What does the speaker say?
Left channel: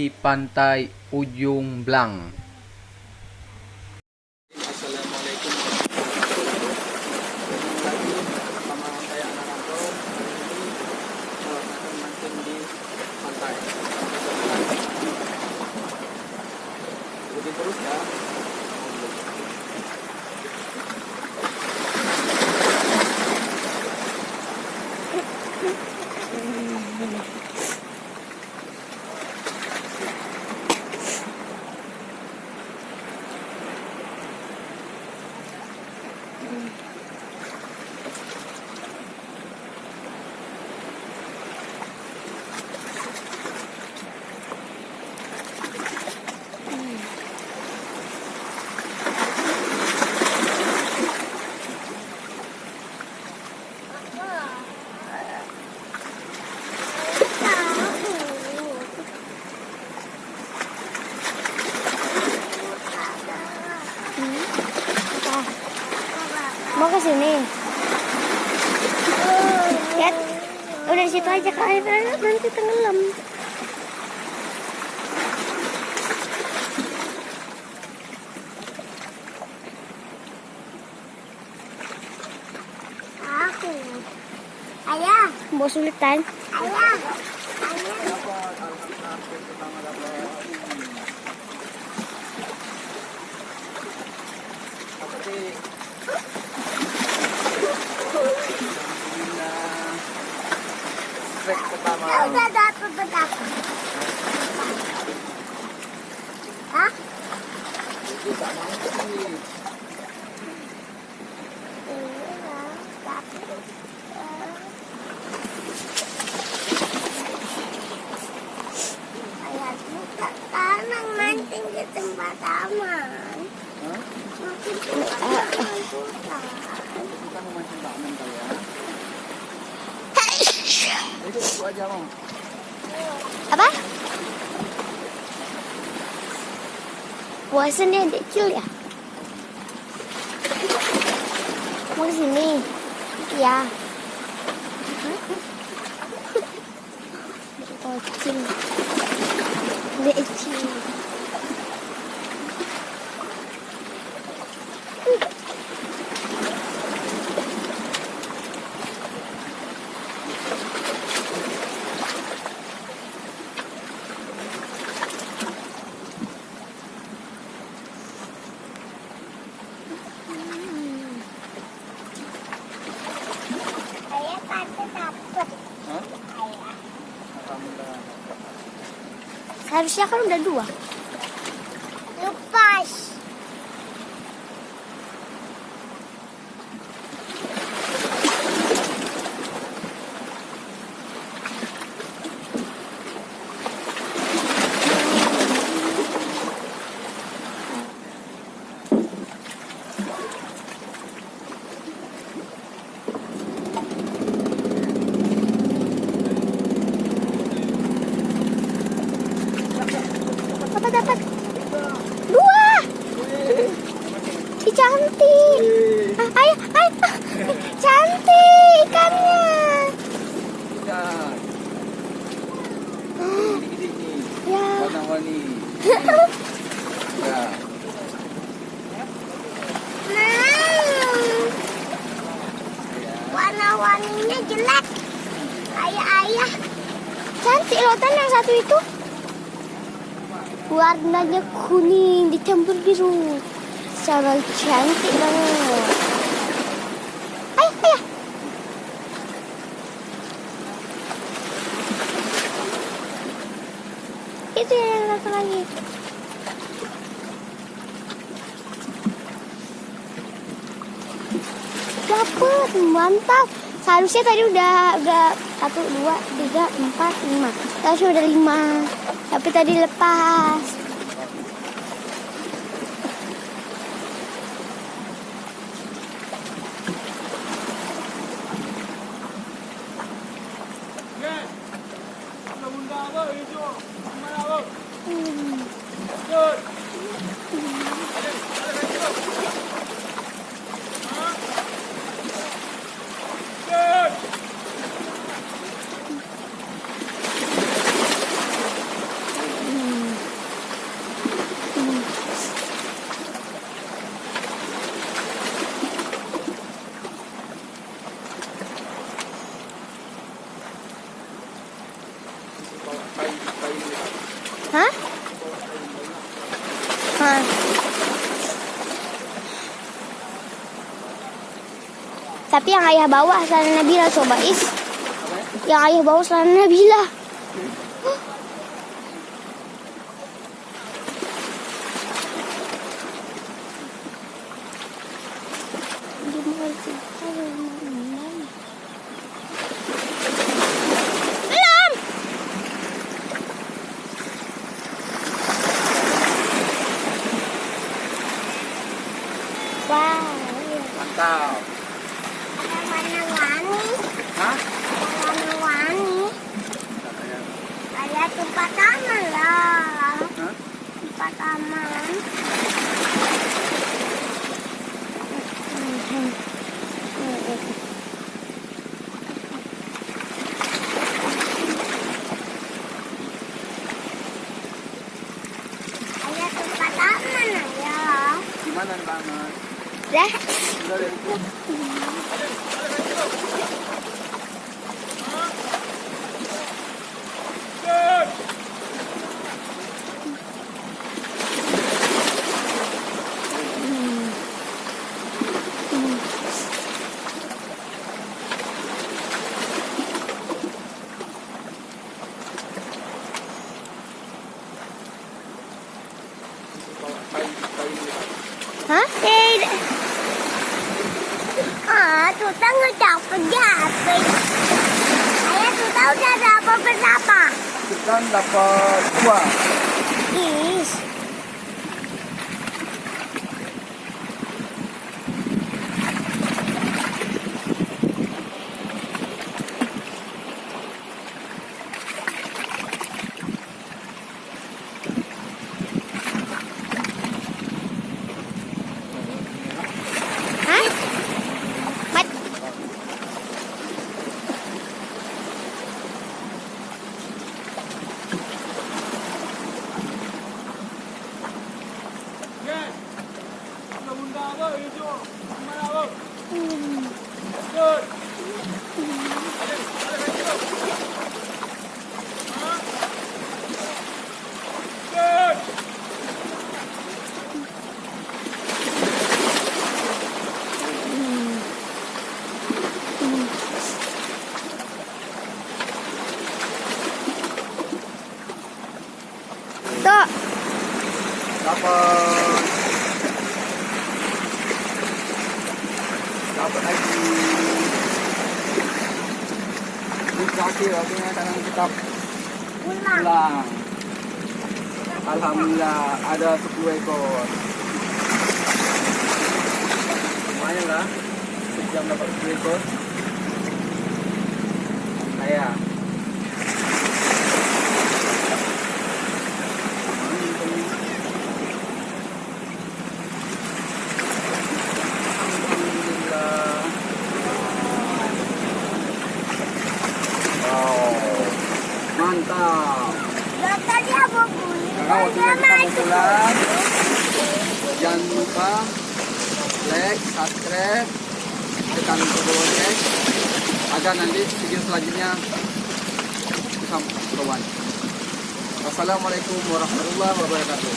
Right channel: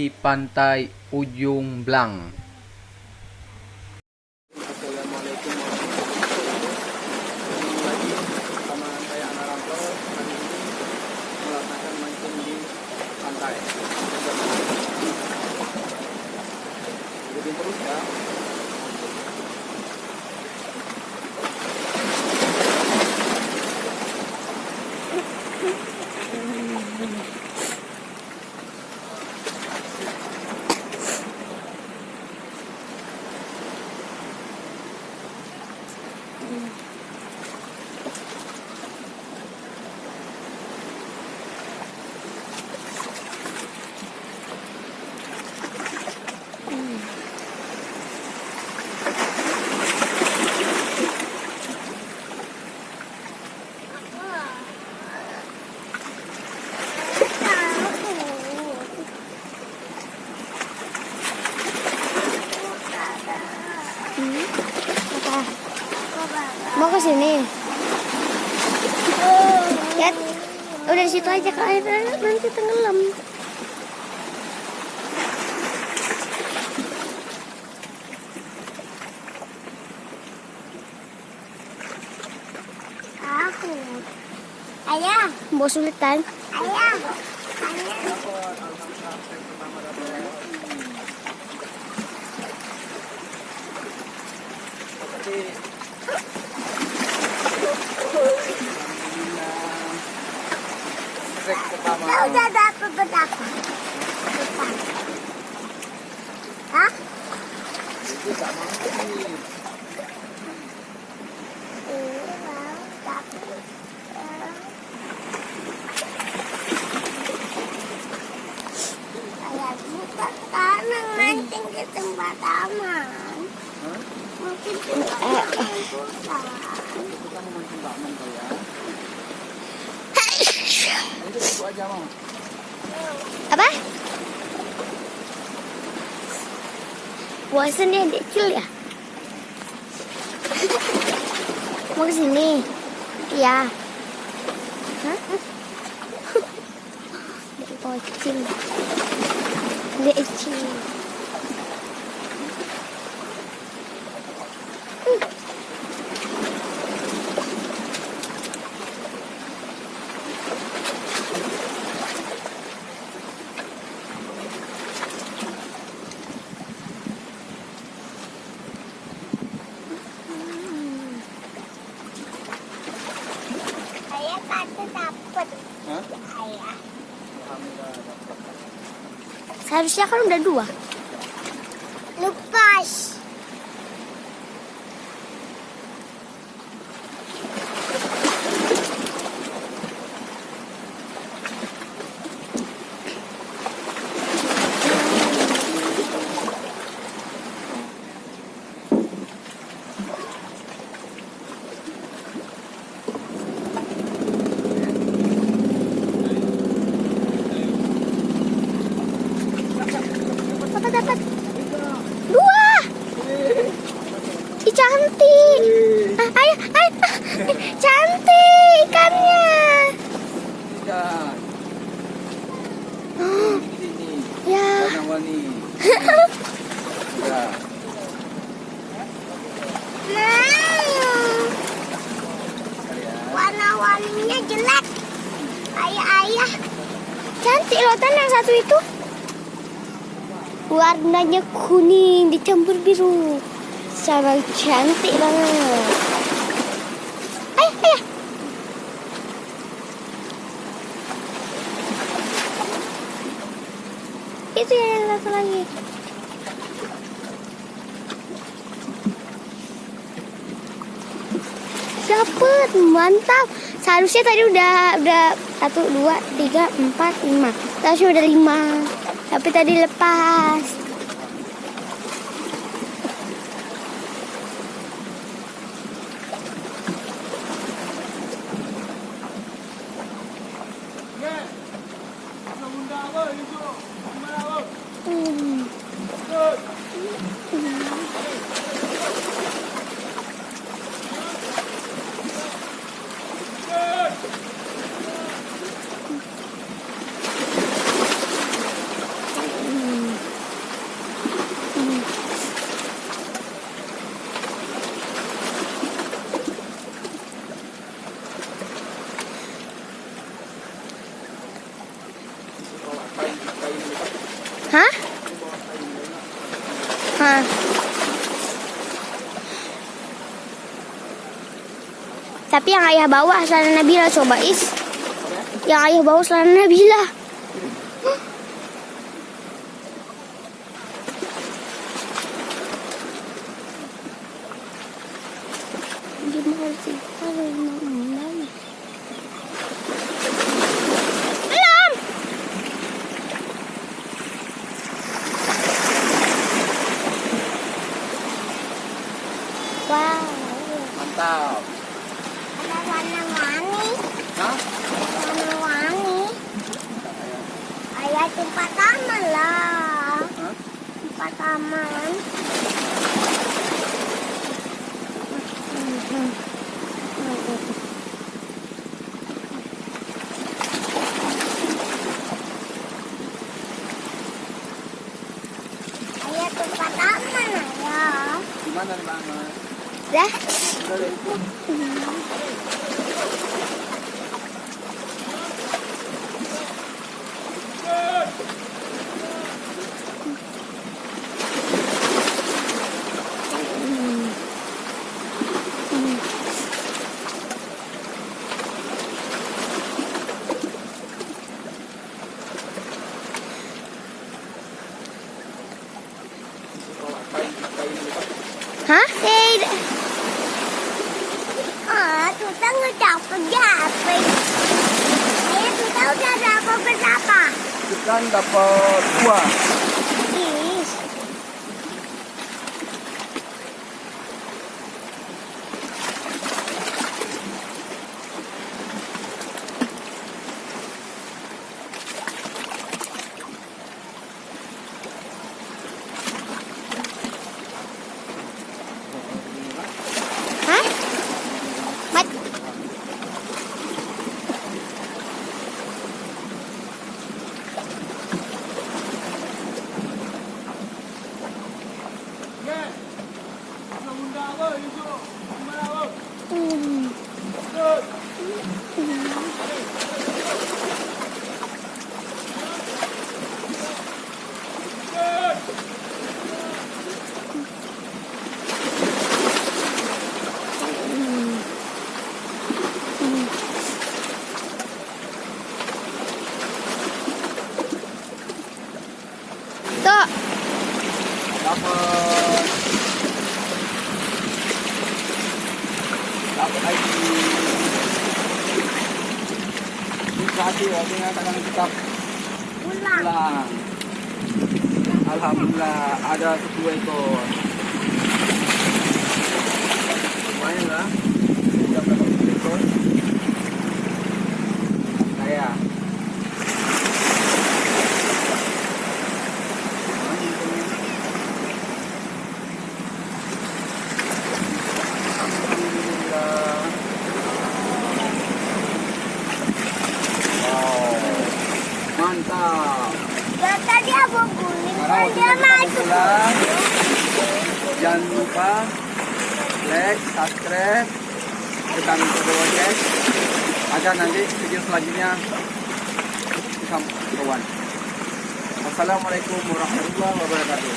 di pantai Ujung Blang. Assalamualaikum warahmatullahi wabarakatuh. Ketemu lagi sama saya Anaranto. Hari ini melaksanakan mancing di pantai. Ikutin terus ya. Mau ke sini. Lihat. Udah di situ aja ke air nanti tenggelam. Ayah, mau sulitan? Ayah. Dapat alhamdulillah yang pertama dapat. Seperti alhamdulillah trek pertama. Udah dapat berapa? Hah? Itu tak mau sih. Mancing di tempat aman. Hah? Kita mau mancing bakmen kali ya. Itu aja mau. Apa? Bosannya kecil ya? Mau ke sini? Ya. Kecil. Kecil. Hah? Alhamdulillah dapat. Seharusnya kan udah 2. Lepas. Dapat 2. Ih, cantik. Ayo. Cantik ikannya. Ikan. Ya. Warna-warni. Ya. Warna-warninya jelek. Ayah. Cantik loh, yang satu itu. Warnanya kuning dicampur biru. Sangat cantik banget. Ayah. Itu yang satu lagi. Dapat, mantap. Seharusnya tadi udah 1, 2, 3, 4, 5. Seharusnya udah 5. Tapi tadi lepas. Hah? Hah? Tapi yang ayah bawa celana Nabila coba is. Apa ya? Yang ayah bawa celana Nabila. Belum. Wow. Mantap. Warna-warni. Hah? Warna-warni. Bentar, ayah. Ayah tempat taman lah. Hah? Tempat taman. Ayah tempat taman ayah. Gimana nih taman? Dah. Udah deh itu. Bawa kain gitu. Hah? Tuta ngecapek japek. Ayah tuta udah dapat berapa? Ikan dapat 2. Is. Hah? Mat. Hmm. Tuh. Dapat lagi. Ini waktunya kadang kita pulang. Alhamdulillah ada 10 ekor. Lumayan lah. Sejam dapat 10 ekor. Saya. Alhamdulillah. Wow. Mantap. Tadi abang guling. Sekarang waktunya kita mau pulang. Jangan lupa like, subscribe, tekan tombol lonceng agar nanti video selanjutnya bisa kawan. Wassalamualaikum warahmatullahi wabarakatuh.